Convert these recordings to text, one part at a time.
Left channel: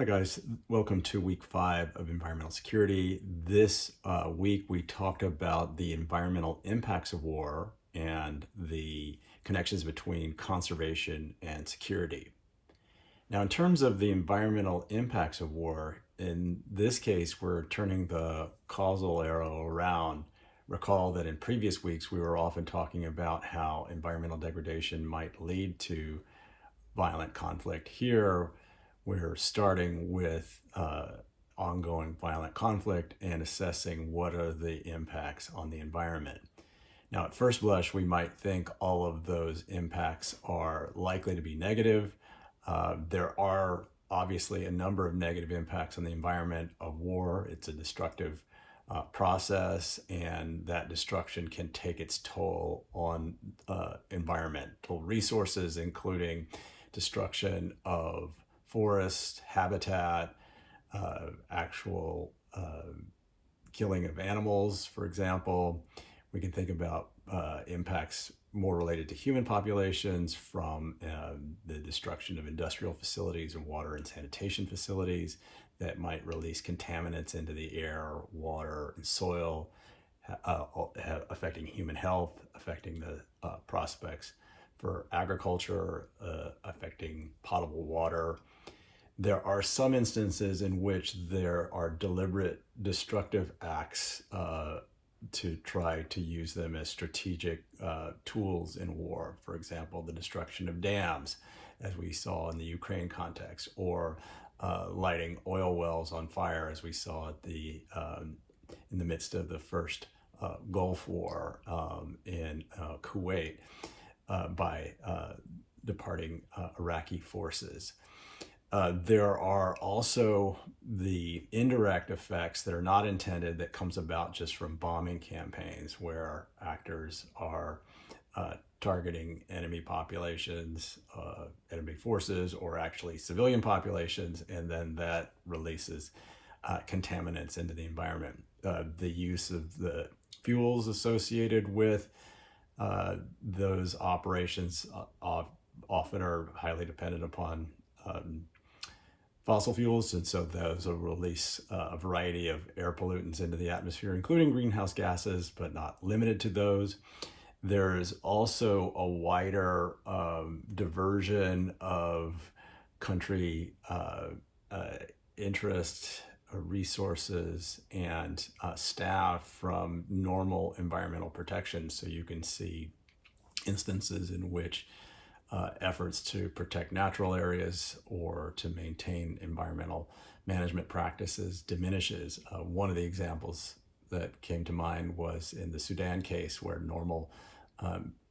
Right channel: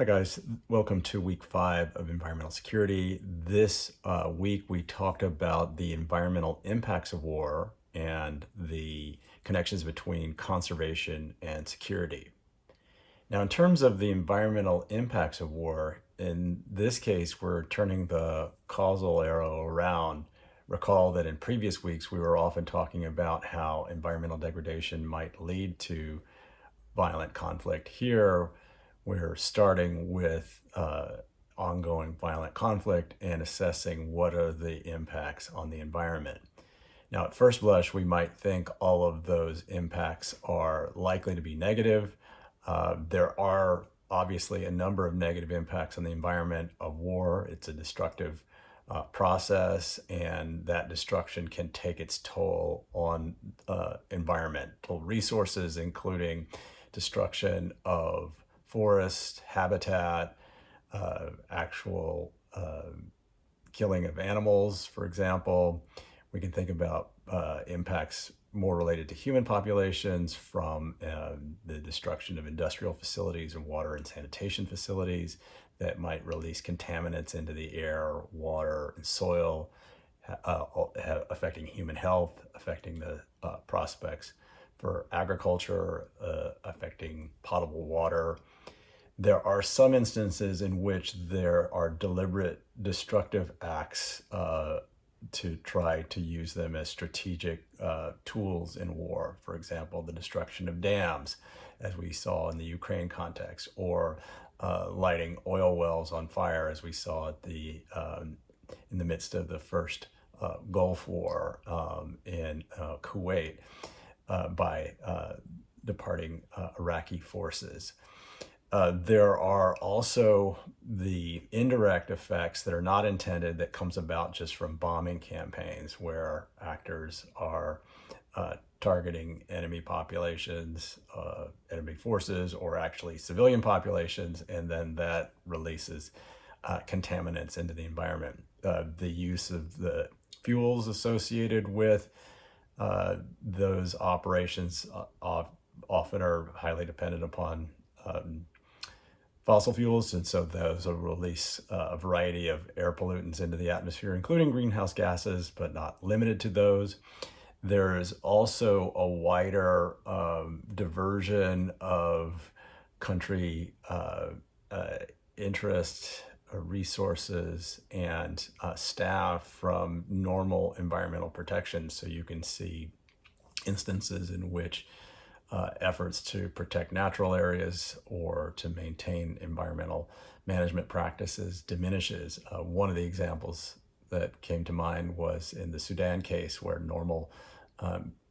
Hi guys, welcome to week 5 of environmental security. This week we talked about the environmental impacts of war and the connections between conservation and security. Now, in terms of the environmental impacts of war, in this case, we're turning the causal arrow around. Recall that in previous weeks, we were often talking about how environmental degradation might lead to violent conflict. Here, we're starting with ongoing violent conflict and assessing what are the impacts on the environment. Now, at first blush, we might think all of those impacts are likely to be negative. There are obviously a number of negative impacts on the environment of war. It's a destructive process, and that destruction can take its toll on environmental resources, including destruction of forest habitat, actual killing of animals, for example. We can think about impacts more related to human populations from the destruction of industrial facilities and water and sanitation facilities that might release contaminants into the air, water, and soil, affecting human health, affecting the prospects for agriculture, affecting potable water. There are some instances in which there are deliberate destructive acts to try to use them as strategic tools in war. For example, the destruction of dams, as we saw in the Ukraine context, or lighting oil wells on fire, as we saw at in the midst of the first Gulf War in Kuwait by departing Iraqi forces. There are also the indirect effects that are not intended that comes about just from bombing campaigns where actors are targeting enemy populations, enemy forces, or actually civilian populations, and then that releases contaminants into the environment. The use of the fuels associated with those operations often are highly dependent upon fossil fuels, and so those will release a variety of air pollutants into the atmosphere, including greenhouse gases, but not limited to those. There is also a wider diversion of country interest, resources, and staff from normal environmental protection. So you can see instances in which efforts to protect natural areas or to maintain environmental management practices diminishes. One of the examples that came to mind was in the Sudan case, where normal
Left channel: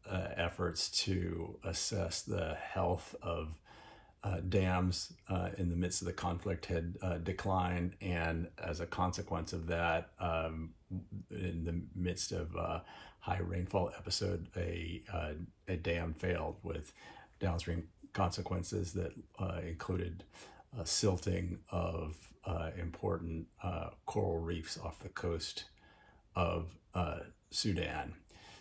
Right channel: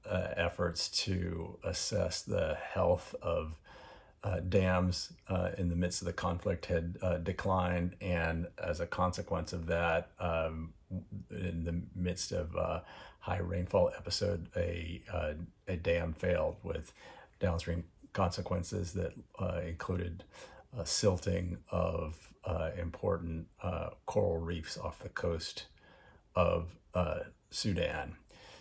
efforts to assess the health of dams in the midst of the conflict had declined, and as a consequence of that, in the midst of high rainfall episode, a dam failed with downstream consequences that included silting of important coral reefs off the coast of Sudan.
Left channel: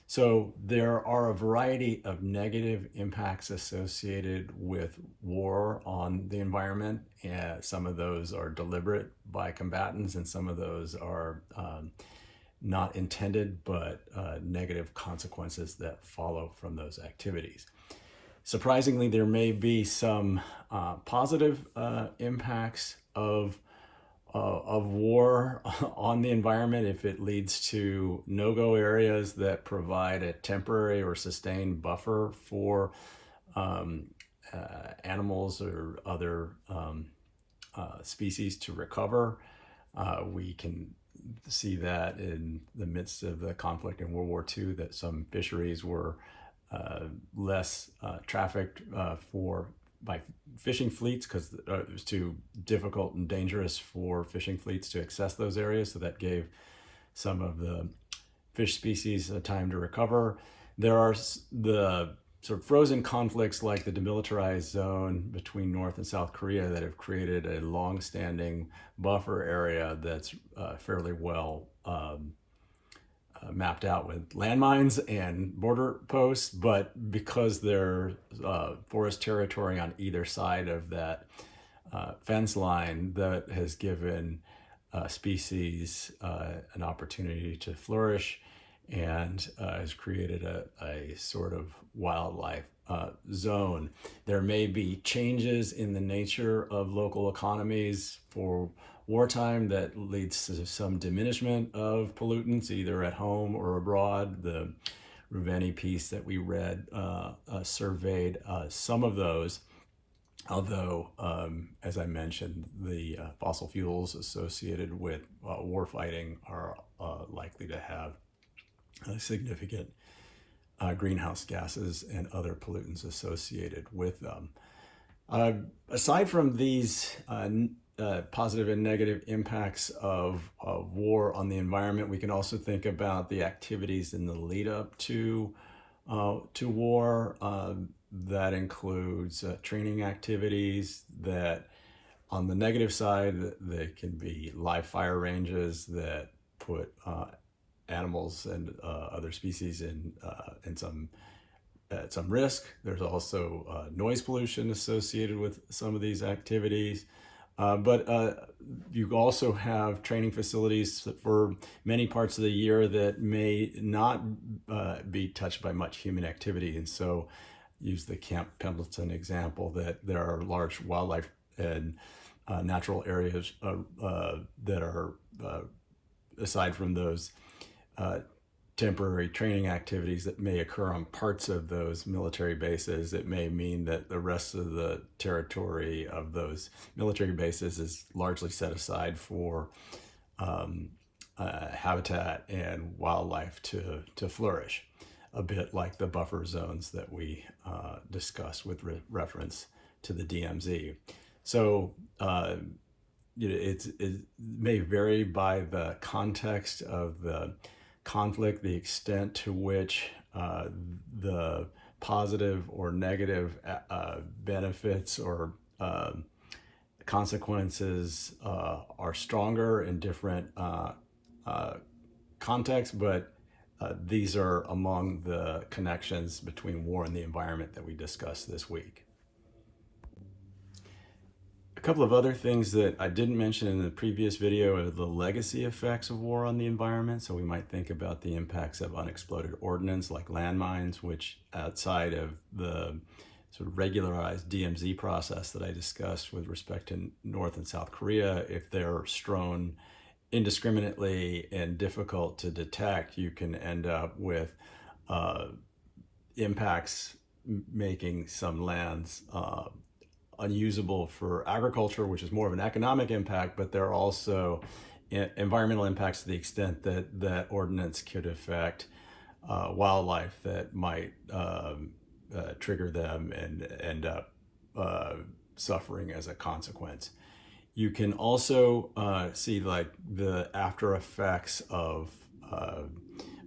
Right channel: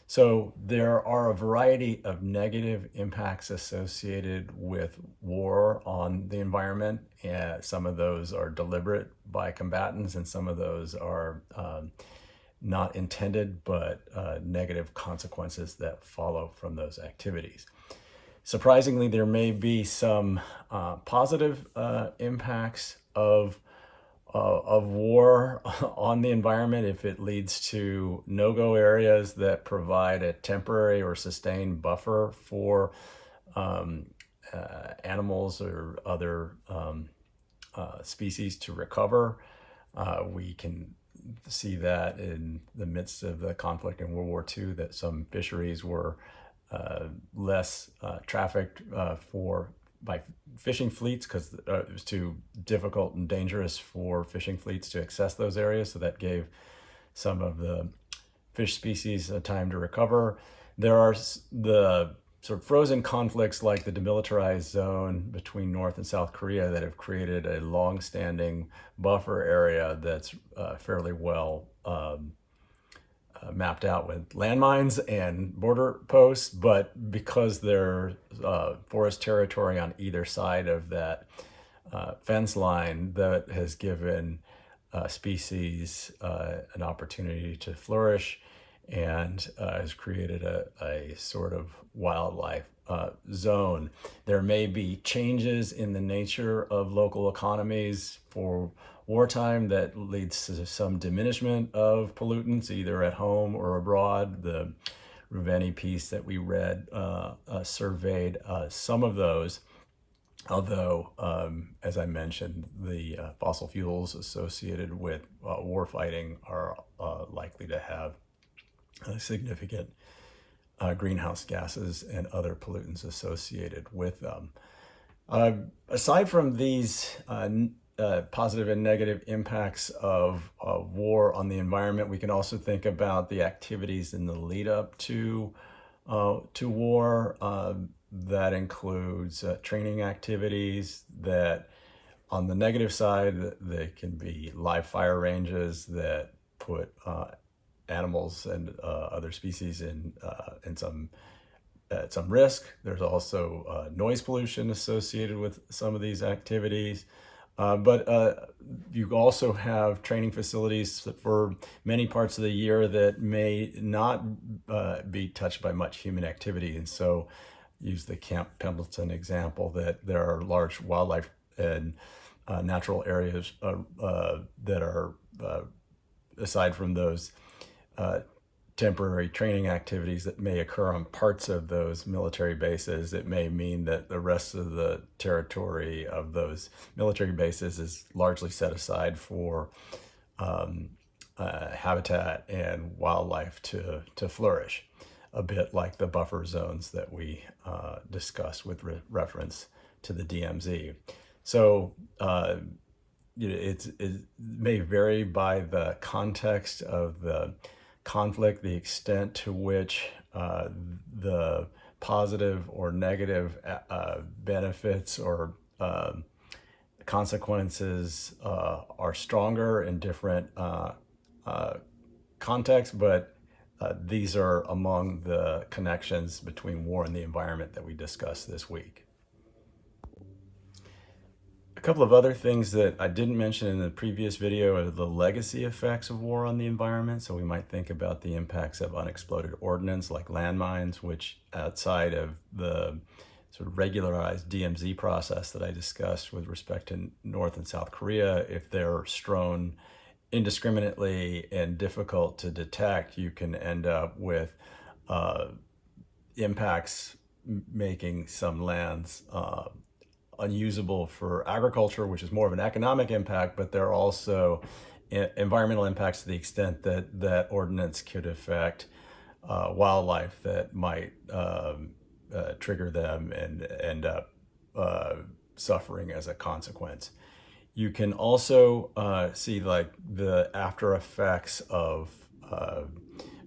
So there are a variety of negative impacts associated with war on the environment, and some of those are deliberate by combatants, and some of those are not intended, but negative consequences that follow from those activities. Surprisingly, there may be some positive impacts of war on the environment if it leads to no-go areas that provide a temporary or sustained buffer for animals or other species to recover. We can see that in the midst of the conflict in World War II, that some fisheries were less trafficked by fishing fleets because it was too difficult and dangerous for fishing fleets to access those areas. So that gave some of the fish species a time to recover. There are the sort of frozen conflicts like the demilitarized zone between North and South Korea that have created a long-standing buffer area that's fairly well mapped out with landmines and border posts, but because there's forest territory on either side of that fence line that has given species an opportunity to flourish and has created a sort of wildlife zone. There may be changes in the nature of local economies for wartime that leads to some diminishment of pollutants, either at home or abroad. The Ruveni piece that we read surveyed some of those. Although, as I mentioned, the fossil fuels associated with warfighting are likely to have significant greenhouse gases and other pollutants associated with them. Aside from these positive and negative impacts of war on the environment, we can also think about the activities in the lead up to war. That includes training activities that, on the negative side, they can be live fire ranges that put animals and other species at some risk. There's also noise pollution associated with some of these activities. But you also have training facilities for many parts of the year that may not be touched by much human activity. And so use the Camp Pendleton example that there are large wildlife and natural areas that are, aside from those temporary training activities that may occur on parts of those military bases, it may mean that the rest of the territory of those military bases is largely set aside for habitat and wildlife to flourish, a bit like the buffer zones that we discussed with reference to the DMZ. So it may vary by the context of the conflict, the extent to which the positive or negative benefits or consequences are stronger in different contexts, but these are among the connections between war and the environment that we discussed this week. A couple of other things that I didn't mention in the previous video are the legacy effects of war on the environment. So we might think about the impacts of unexploded ordnance like landmines, which, outside of the sort of regularized DMZ process that I discussed with respect to North and South Korea, if they're strewn indiscriminately and difficult to detect, you can end up with impacts making some lands unusable for agriculture, which is more of an economic impact, but there are also environmental impacts to the extent that ordinance could affect wildlife that might trigger them and end up suffering as a consequence. You can also see like the after effects of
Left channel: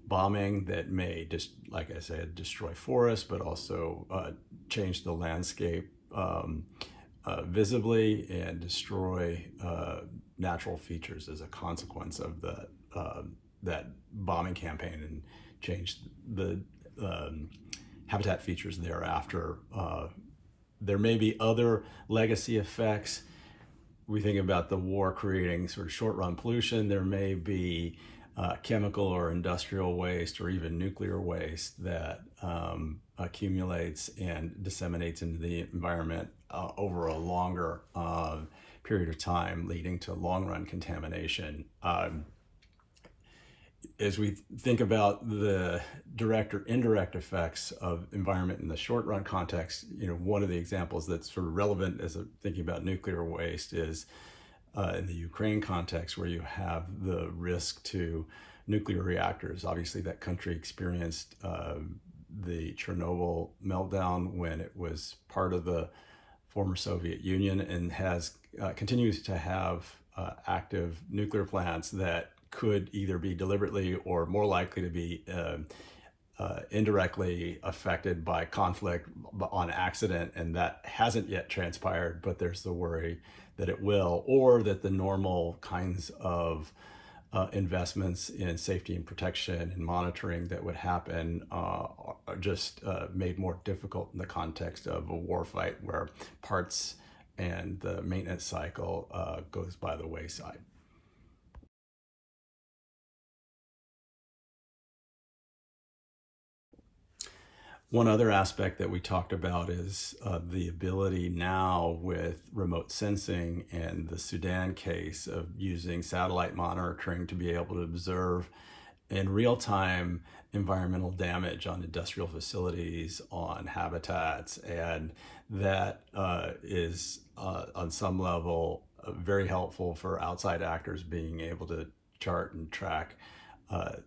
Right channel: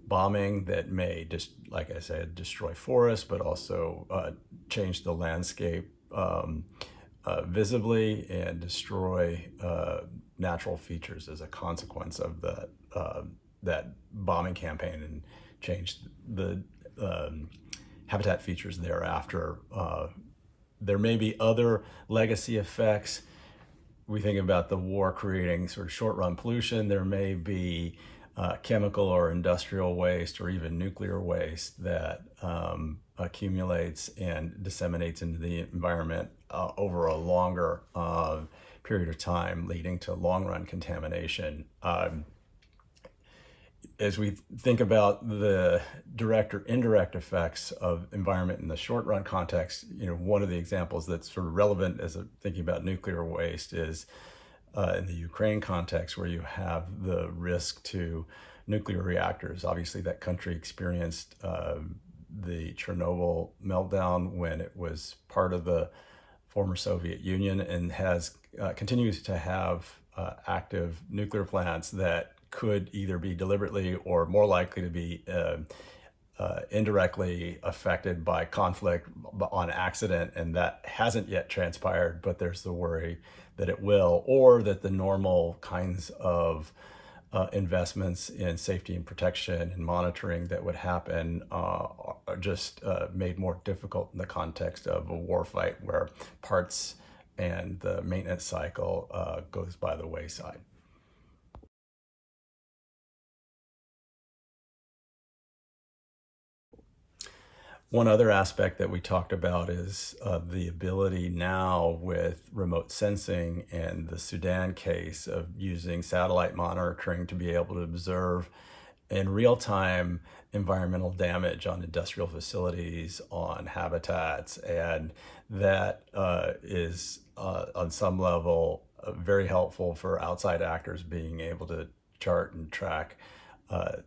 bombing that may just, like I said, destroy forests, but also change the landscape visibly and destroy natural features as a consequence of that bombing campaign, and change the habitat features thereafter. There may be other legacy effects. We think about the war creating sort of short-run pollution. There may be chemical or industrial waste or even nuclear waste that accumulates and disseminates into the environment over a longer period of time, leading to long-run contamination. As we think about the direct or indirect effects of environment in the short-run context, one of the examples that's sort of relevant as thinking about nuclear waste is in the Ukraine context, where you have the risk to nuclear reactors. Obviously, that country experienced the Chernobyl meltdown when it was part of the former Soviet Union, and continues to have active nuclear plants that could either be deliberately or more likely to be indirectly affected by conflict on accident, and that hasn't yet transpired, but there's the worry that it will, or that the normal kinds of investments in safety and protection and monitoring that would happen are just made more difficult in the context of a war fight, where parts and the maintenance cycle goes by the wayside. One other aspect that we talked about is the ability now with remote sensing and the Sudan case of using satellite monitoring to be able to observe in real time environmental damage on industrial facilities, on habitats. And that is, on some level, very helpful for outside actors being able to chart and track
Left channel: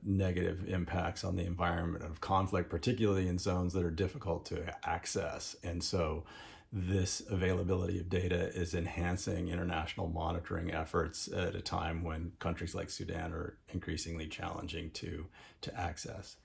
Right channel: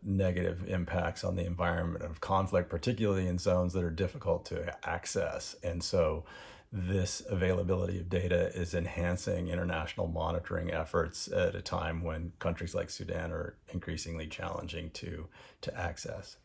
negative impacts on the environment of conflict, particularly in zones that are difficult to access. And so this availability of data is enhancing international monitoring efforts at a time when countries like Sudan are increasingly challenging to access.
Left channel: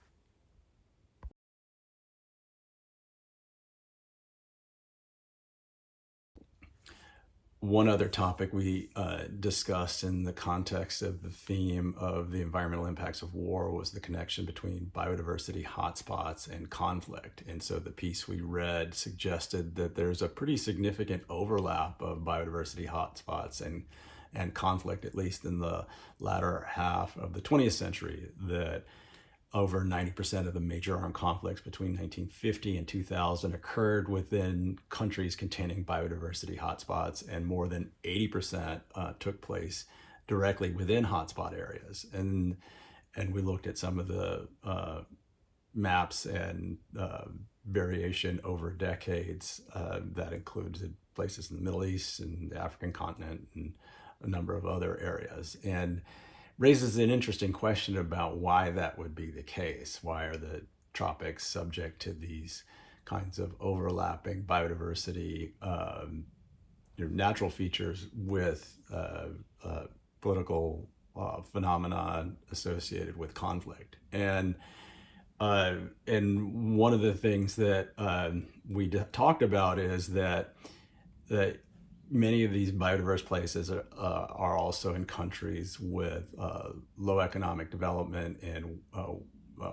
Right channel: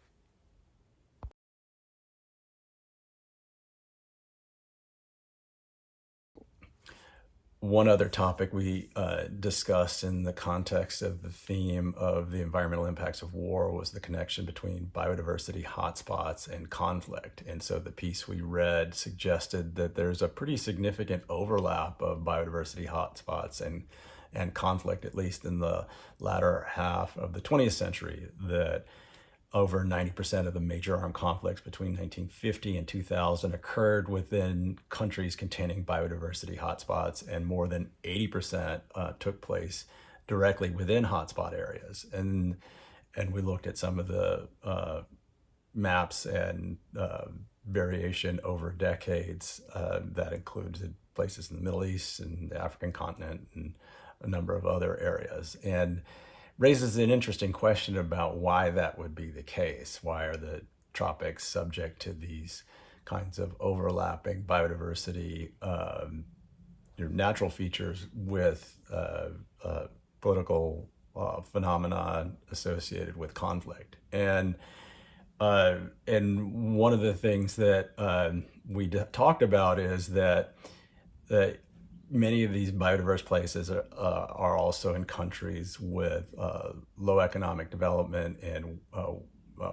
One other topic we discussed in the context of the theme of the environmental impacts of war was the connection between biodiversity hotspots and conflict. And so the piece we read suggested that there's a pretty significant overlap of biodiversity hotspots and conflict, at least in the latter half of the 20th century, that over 90% of the major armed conflicts between 1950 and 2000 occurred within countries containing biodiversity hotspots, and more than 80% took place directly within hotspot areas. And we looked at some of the maps and variation over decades that included places in the Middle East and the African continent and a number of other areas. And raises an interesting question about why that would be the case. Why are the tropics subject to these kinds of overlapping biodiversity, natural features with political phenomena associated with conflict? And one of the things that we talked about is that many of these biodiverse places are also in countries with low economic development and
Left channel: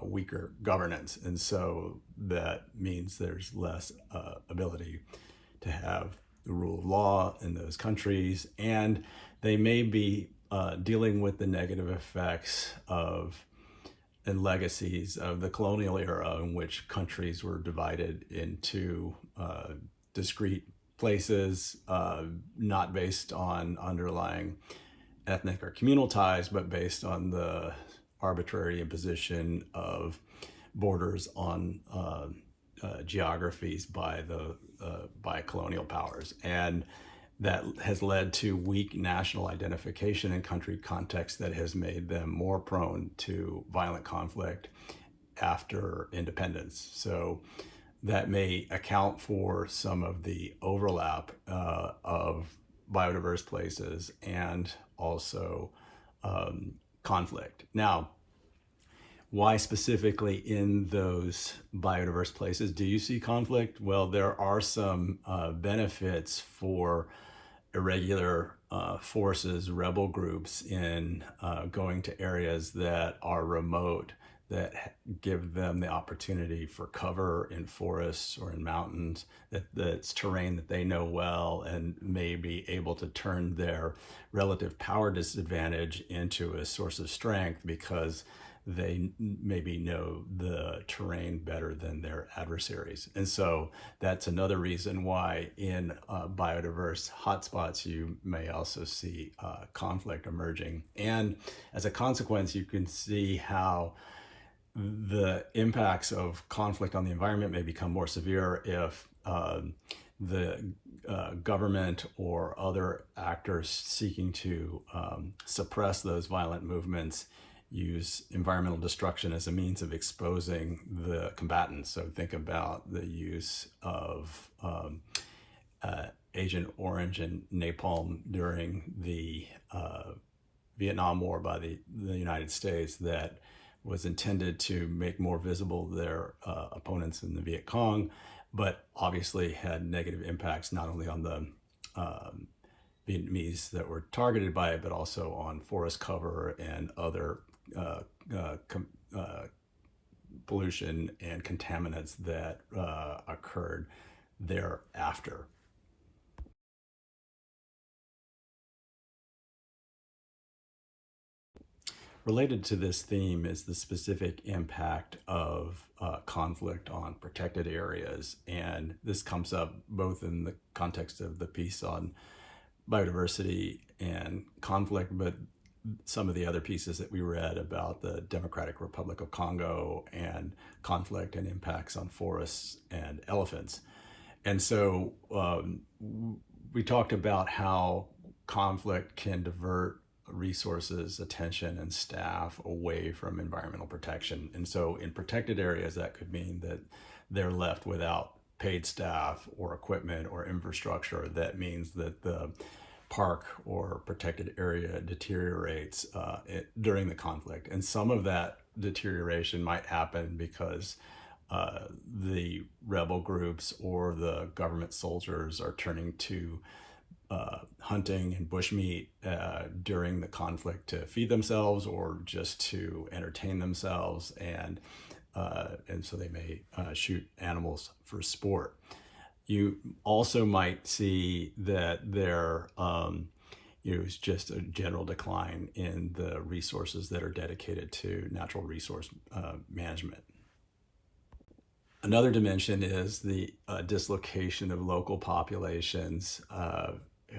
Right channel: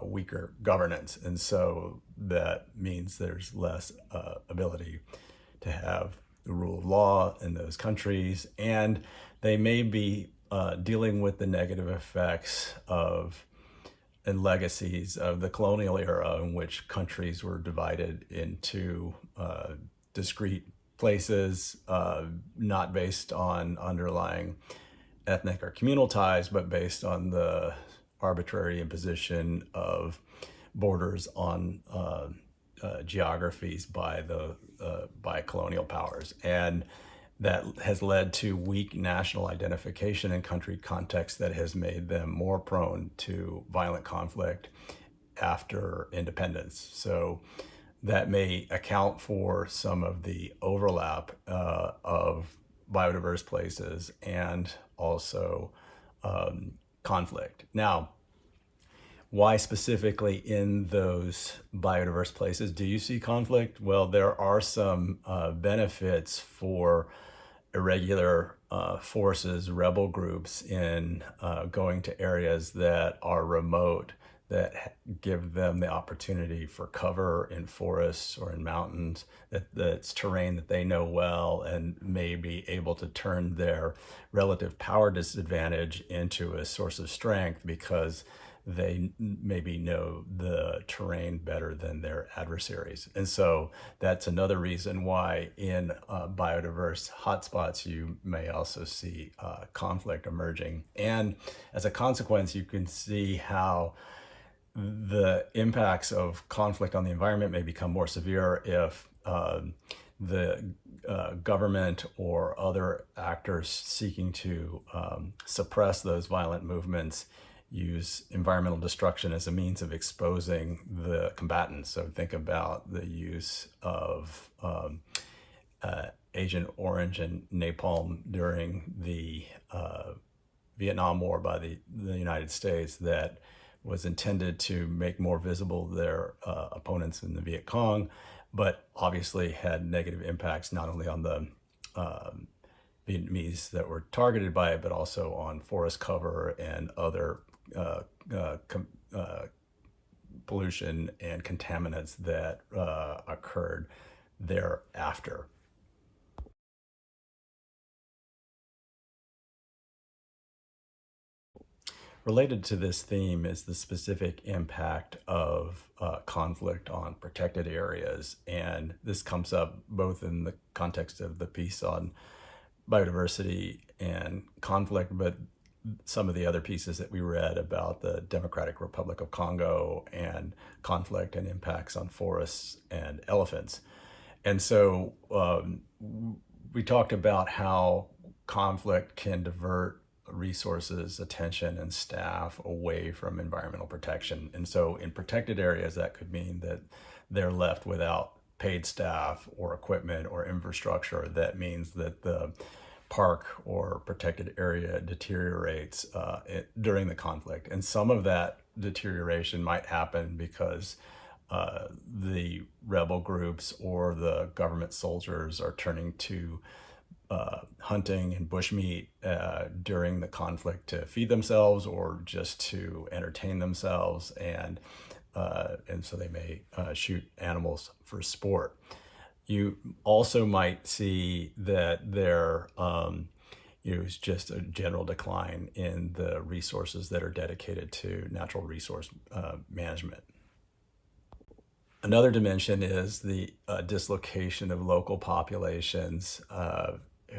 weaker governance. And so that means there's less ability to have the rule of law in those countries. And they may be dealing with the negative effects of and legacies of the colonial era, in which countries were divided into discrete places, not based on underlying ethnic or communal ties, but based on the arbitrary imposition of borders on geographies by colonial powers. And that has led to weak national identification in country contexts that has made them more prone to violent conflict after independence. So that may account for some of the overlap of biodiverse places and also conflict. Now, why specifically in those biodiverse places do you see conflict? Well, there are some benefits for irregular forces, rebel groups in going to areas that are remote, that give them the opportunity for cover in forests or in mountains, that's terrain that they know well and may be able to turn their relative power disadvantage into a source of strength because they maybe know the terrain better than their adversaries. And so that's another reason why in biodiverse hotspots, you may also see conflict emerging. And as a consequence, you can see how the impacts of conflict on the environment may become more severe if the government or other actors seeking to suppress those violent movements use environmental destruction as a means of exposing the combatants. So think about the use of Agent Orange and napalm during the Vietnam War by the United States, that was intended to make more visible their opponents in the Viet Cong, but obviously had negative impacts not only on the Vietnamese that were targeted by it, but also on forest cover and other pollution and contaminants that occurred thereafter. Related to this theme is the specific impact of conflict on protected areas. And this comes up both in the context of the piece on biodiversity and conflict, but some of the other pieces that we read about the Democratic Republic of Congo and conflict and impacts on forests and elephants. And so we talked about how conflict can divert resources, attention, and staff away from environmental protection. And so in protected areas, that could mean that they're left without paid staff or equipment or infrastructure. That means that the park or protected area deteriorates during the conflict. And some of that deterioration might happen because the rebel groups or the government soldiers are turning to hunting and bushmeat during the conflict to feed themselves or just to entertain themselves, and so they may shoot animals for sport. You also might see that there is just a general decline in the resources that are dedicated to natural resource management. Another dimension is the dislocation of local populations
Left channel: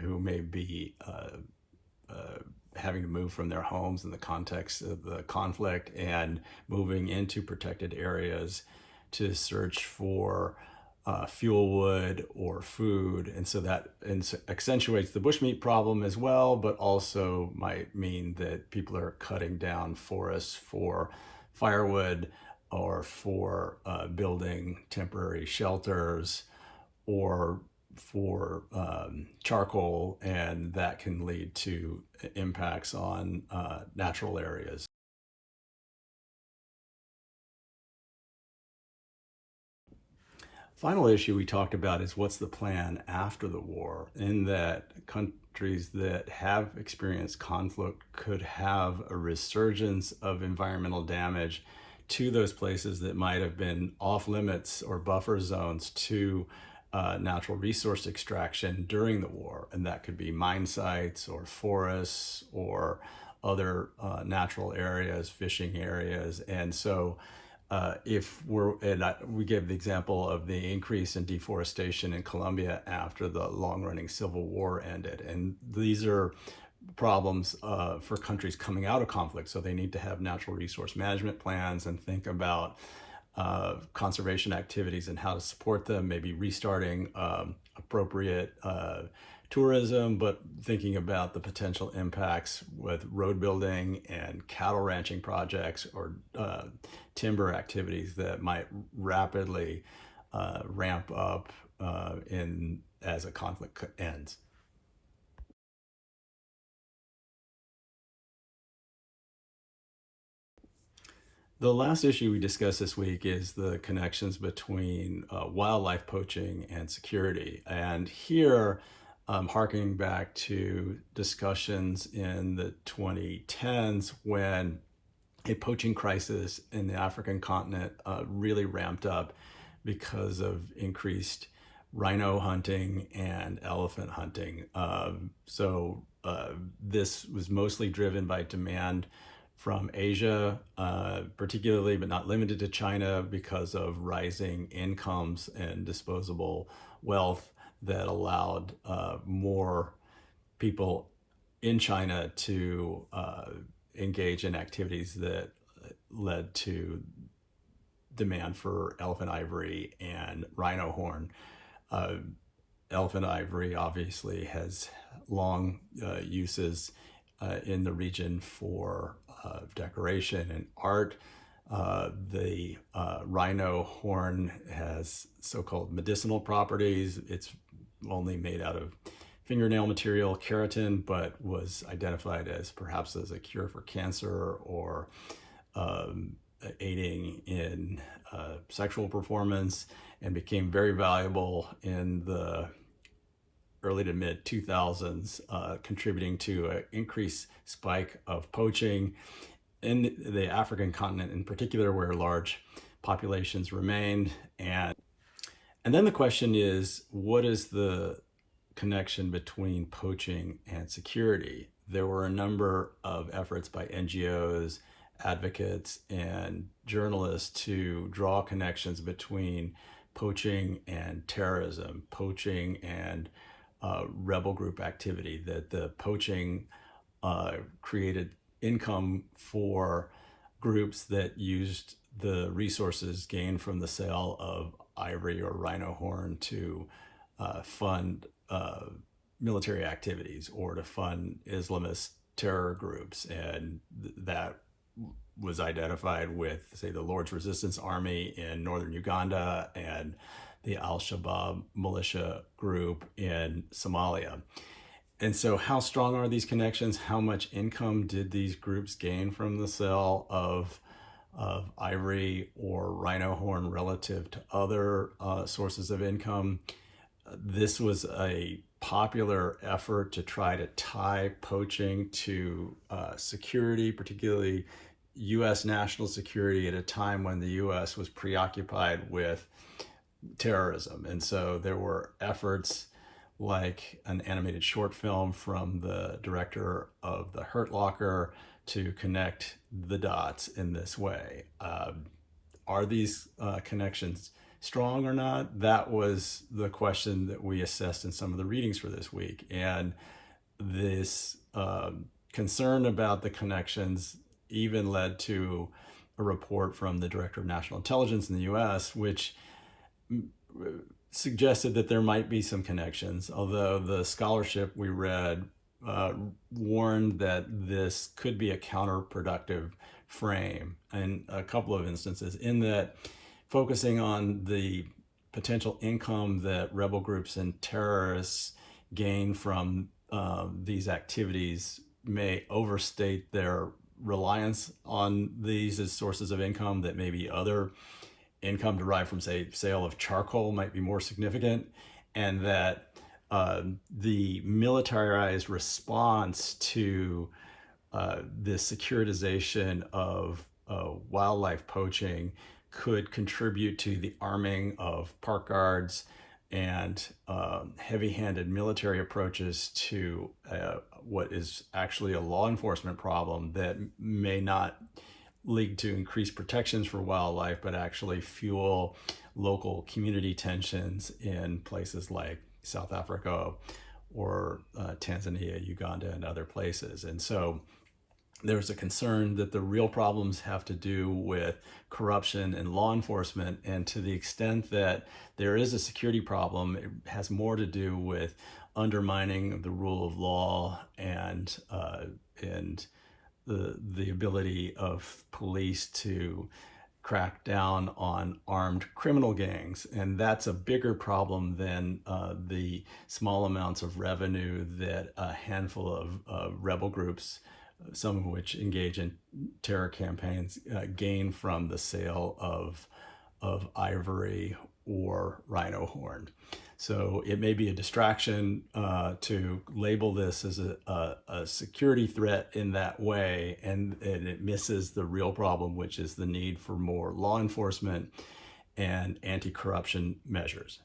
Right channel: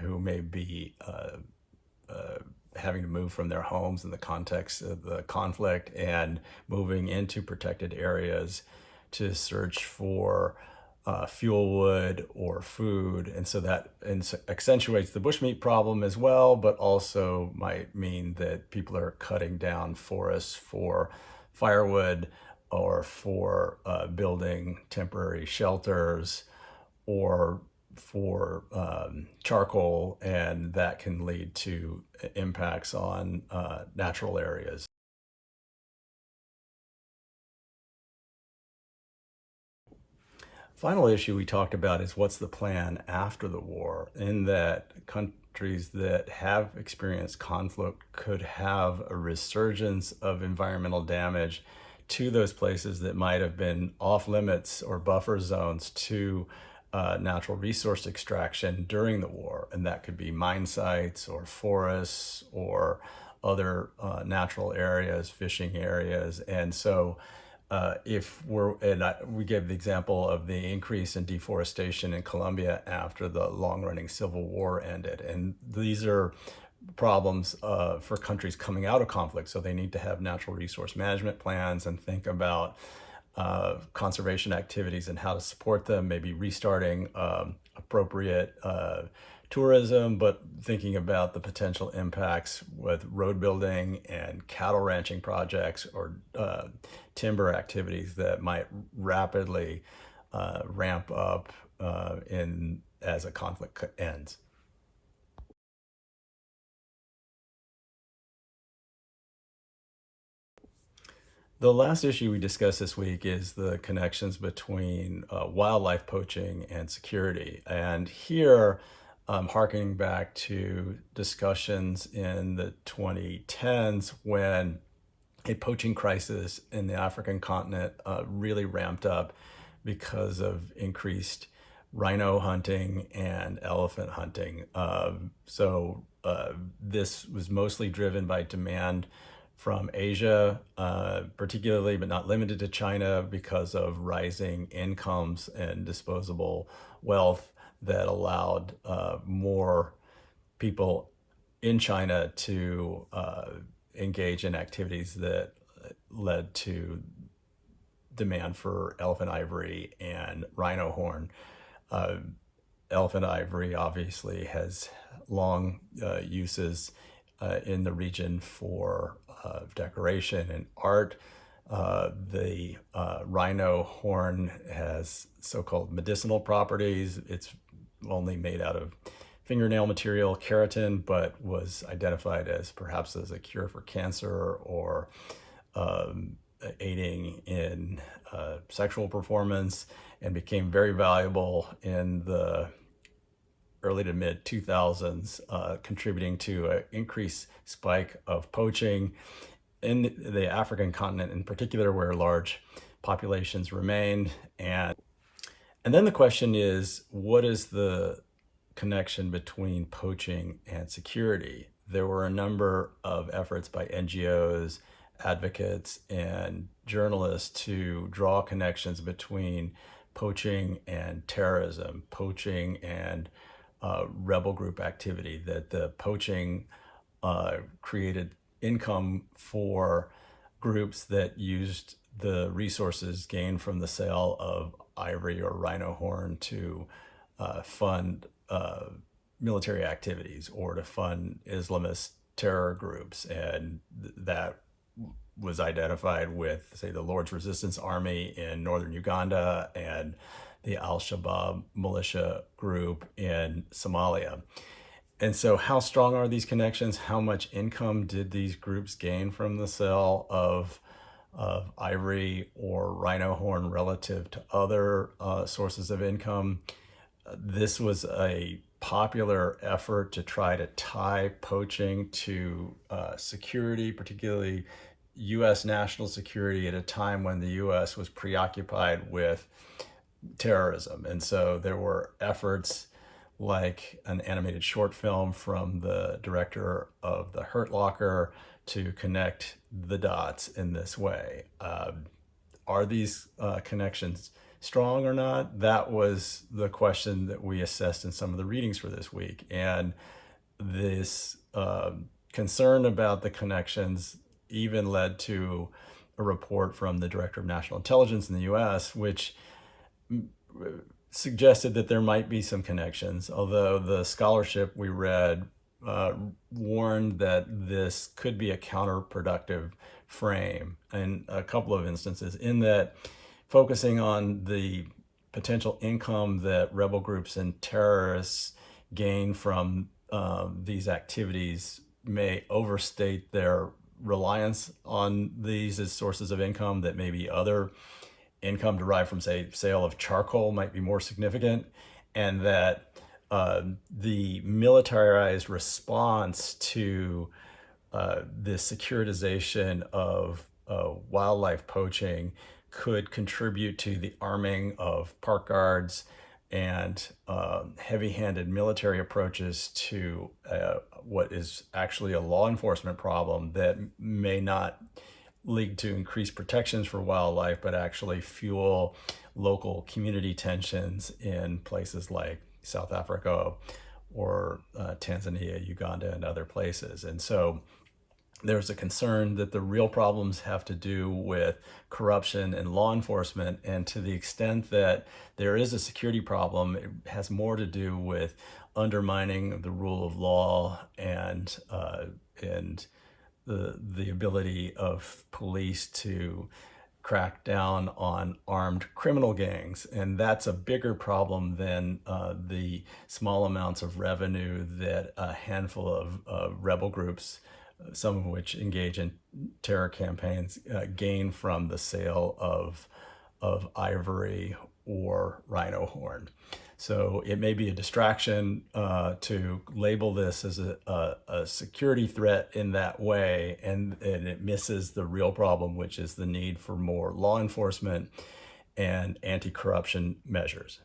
who may be having to move from their homes in the context of the conflict and moving into protected areas to search for fuel wood or food. And so that accentuates the bushmeat problem as well, but also might mean that people are cutting down forests for firewood or for building temporary shelters or for charcoal, and that can lead to impacts on natural areas. Final issue we talked about is what's the plan after the war, in that countries that have experienced conflict could have a resurgence of environmental damage to those places that might have been off limits or buffer zones to natural resource extraction during the war. And that could be mine sites or forests or other natural areas, fishing areas. And so we gave the example of the increase in deforestation in Colombia after the long-running civil war ended. And these are problems for countries coming out of conflict. So they need to have natural resource management plans and think about conservation activities and how to support them, maybe restarting appropriate tourism, but thinking about the potential impacts with road building and cattle ranching projects or timber activities that might rapidly ramp up as a conflict ends. The last issue we discussed this week is the connections between wildlife poaching and security. And here, harkening back to discussions in the 2010s when a poaching crisis in the African continent really ramped up because of increased rhino hunting and elephant hunting. So this was mostly driven by demand from Asia, particularly, but not limited to China, because of rising incomes and disposable wealth that allowed more people in China to engage in activities that led to demand for elephant ivory and rhino horn. Elephant ivory obviously has long uses in the region for decoration and art. The rhino horn has so-called medicinal properties. It's only made out of fingernail material, keratin, but was identified as perhaps as a cure for cancer or aiding in sexual performance, and became very valuable in the early to mid 2000s, contributing to an increased spike of poaching in the African continent in particular, where large populations remained. And then the question is, what is the connection between poaching and security? there were a number of efforts by NGOs, advocates, and journalists to draw connections between poaching and terrorism, poaching and rebel group activity, that the poaching created income for groups that used the resources gained from the sale of ivory or rhino horn to fund military activities or to fund Islamist terror groups. And that was identified with, say, the Lord's Resistance Army in northern Uganda and the Al-Shabaab militia group in Somalia. And so how strong are these connections? How much income did these groups gain from the sale of ivory or rhino horn relative to other sources of income? This was a popular effort to try to tie poaching to security, particularly U.S. national security, at a time when the U.S. was preoccupied with terrorism. And so there were efforts like an animated short film from the director of The Hurt Locker to connect the dots in this way. Are these connections strong or not? That was the question that we assessed in some of the readings for this week. And this concern about the connections even led to a report from the Director of National Intelligence in the US, which suggested that there might be some connections, although the scholarship we read warned that this could be a counterproductive frame in a couple of instances, in that focusing on the potential income that rebel groups and terrorists gain from these activities may overstate their reliance on these as sources of income, that maybe other income derived from, say, sale of charcoal might be more significant, and that the militarized response to the securitization of wildlife poaching could contribute to the arming of park guards and heavy-handed military approaches to what is actually a law enforcement problem that may not lead to increased protections for wildlife, but actually fuel local community tensions in places like South Africa or Tanzania, Uganda, and other places. And so there's a concern that the real problems have to do with corruption and law enforcement, and to the extent that there is a security problem, it has more to do with undermining the rule of law and the ability of police to crack down on armed criminal gangs. And that's a bigger problem than the small amounts of revenue that a handful of rebel groups, some of which engage in terror campaigns, gain from the sale of ivory or rhino horn. So it may be a distraction to label this as a security threat in that way, and it misses the real problem, which is the need for more law enforcement and anti-corruption measures.